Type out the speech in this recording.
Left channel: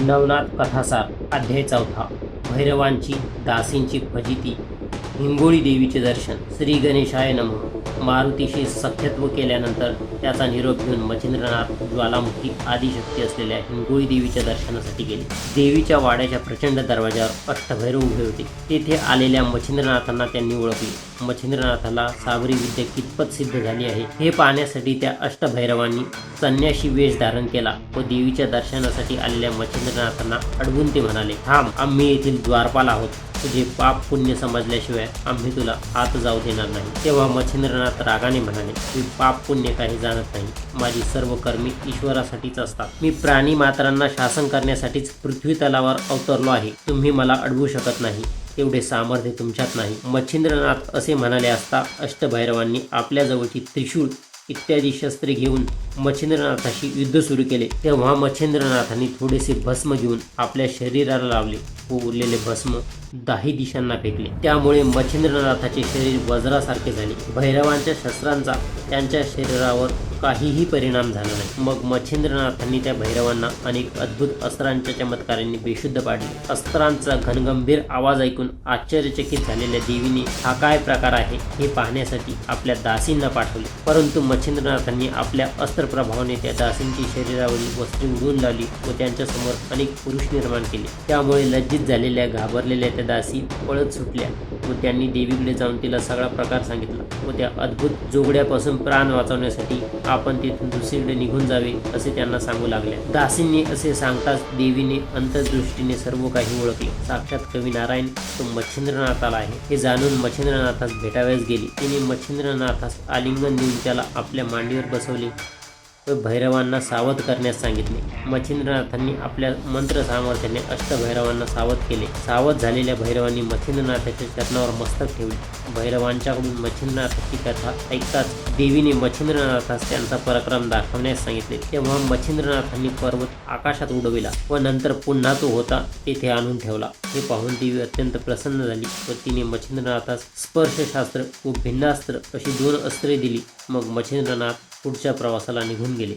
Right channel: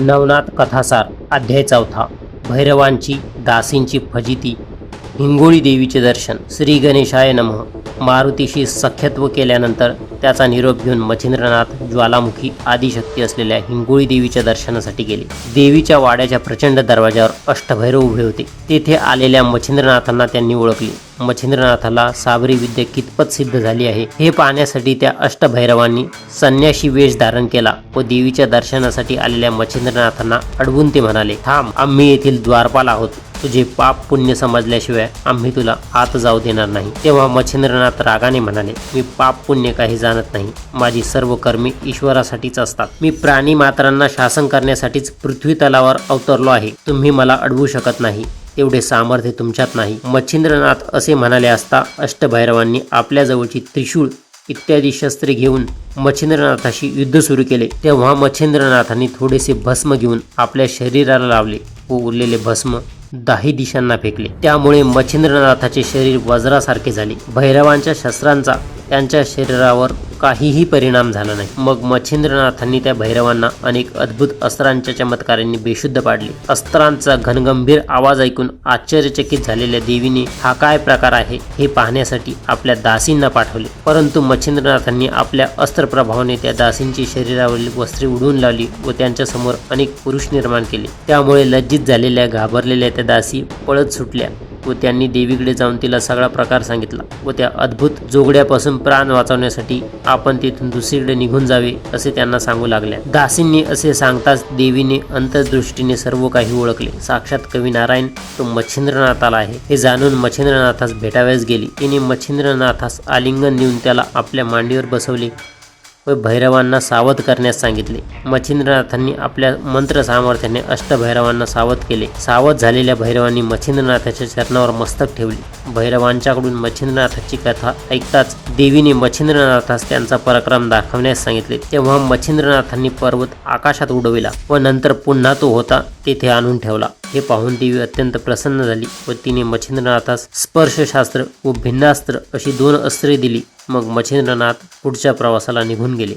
नवनाथ कथासार अध्याय 4 भैरवांची दासींची फजिती हिंगोळी देवीचे दर्शन. श्री गणेशाय नमः. मारुतीशी सख्यत्व केल्यानंतर त्याचा निरोप घेऊन मच्छिंद्रनाथ ज्वालामुखी आदिशक्ती असलेल्या हिंगोळी देवीच्या दर्शनासाठी गेले. देवीच्या वाड्याच्या प्रचंड दरवाजावर अष्टभैरव उभे होते. तेथे आलेल्या मच्छिंद्रनाथांना त्यांनी ओळखले. मच्छिंद्रनाथाला साबरी विद्या कितपत सिद्ध झाली आहे हे पाहण्यासाठी त्या अष्टभैरवांनी संन्याशी वेश धारण केला व देवीच्या दर्शनासाठी आलेल्या मच्छिंद्रनाथांना अडवून ते म्हणाले, थांब, आम्ही येथील द्वारपाल आहोत. तुझे पाप पुण्य समजल्याशिवाय आम्ही तुला आत जाऊ देणार नाही. तेव्हा मच्छिंद्रनाथ रागाने म्हणाले, मी पाप पुण्य काही जाणत नाही. माझी सर्व कर्मे ईश्वरासाठीच असतात. मी प्राणी मात्रांना शासन करण्यासाठीच पृथ्वी तलावर अवतरलो आहे. तुम्ही मला अडवू शकत नाही. तेवढे सामर्थ्य तुमच्यात नाही. मच्छिंद्रनाथ असे म्हणाले असता अष्टभैरवांनी आपल्या जवळची त्रिशूळ इत्यादी शस्त्रे घेऊन मच्छिंद्रनाथाशी युद्ध सुरू केले. तेव्हा मच्छिंद्रनाथांनी थोडेसे भस्म घेऊन आपल्या शरीराला लावले व उरलेले भस्म 10 दिशांना फेकले. त्यामुळे मच्छिंद्रनाथाचे शरीर वज्रासारखे झाले. भैरवांच्या शस्त्रांचा त्यांच्या शरीरावर काहीही परिणाम झाला नाही. मग मच्छिंद्रनाथांनी त्या भैरवांना अनेक अद्भुत अस्त्रांच्या चमत्कारांनी बेशुद्ध पाडले. अस्त्रांचा घनगंभीर आवाज ऐकून आश्चर्यचकित झालेल्या देवीने हा काय प्रकार आहे हे पाहण्यासाठी आपल्या दासींना पाठवले. परंतु मच्छिंद्रनाथांनी आपल्या अस्त्रप्रभावाने त्या दासींची शरीरावरील वस्त्रे उडवून लावली व त्यांच्या समोर अनेक पुरुष निर्माण केले. त्यामुळे लज्जित झालेल्या घाबरलेल्या त्या दासी पळत सुटल्या व त्यांनी देवीकडे जाऊन तिला सगळा प्रकार सांगितला व त्या अद्भुत जोगड्यापासून प्राण वाचवण्यासाठी आपण तेथून दुसरीकडे निघून जावे असे त्यांना सांगू लागल्या. दासींनी असे सांगताच देवीने अंतर्दृष्टीने सर्व काही ओळखले. साक्षात कवी नारायण तो मच्छिंद्रनाथाला आहे हे जाणून मच्छिंद्रनाथास भेटाव्यास गेली. तिने मच्छिंद्रनाथास आलिंगन देऊन त्याला आपल्या मांडीवर बसवले व भैरवांना सावध करण्यास सांगितले. मच्छिंद्रनाथांनी आपल्या मंत्र सामर्थ्याने अष्टभैरवांना सावध केले. सावध झालेल्या भैरवांनी मच्छिंद्रनाथाच्या चरणावर मस्तक ठेवले. भैरवांच्याकडून मच्छिंद्रनाथाची कथा ऐकताच देवीने मच्छिंद्रनाथास त्यांचा पराक्रम दाखवण्यास सांगितले. तेव्हा मच्छिंद्रनाथांनी पर्वत आकाशात उडविला व नंतर पुन्हा तो होता तेथे आणून ठेवला. हे पाहून देवी अत्यंत प्रसन्न झाली व तिने मच्छिंद्रनाथास स्पर्शशास्त्र व भिन्नास्त्र अशी 2 अस्त्रे दिली. मग मच्छिंद्रनाथ पुढच्या प्रवासाला निघून गेले.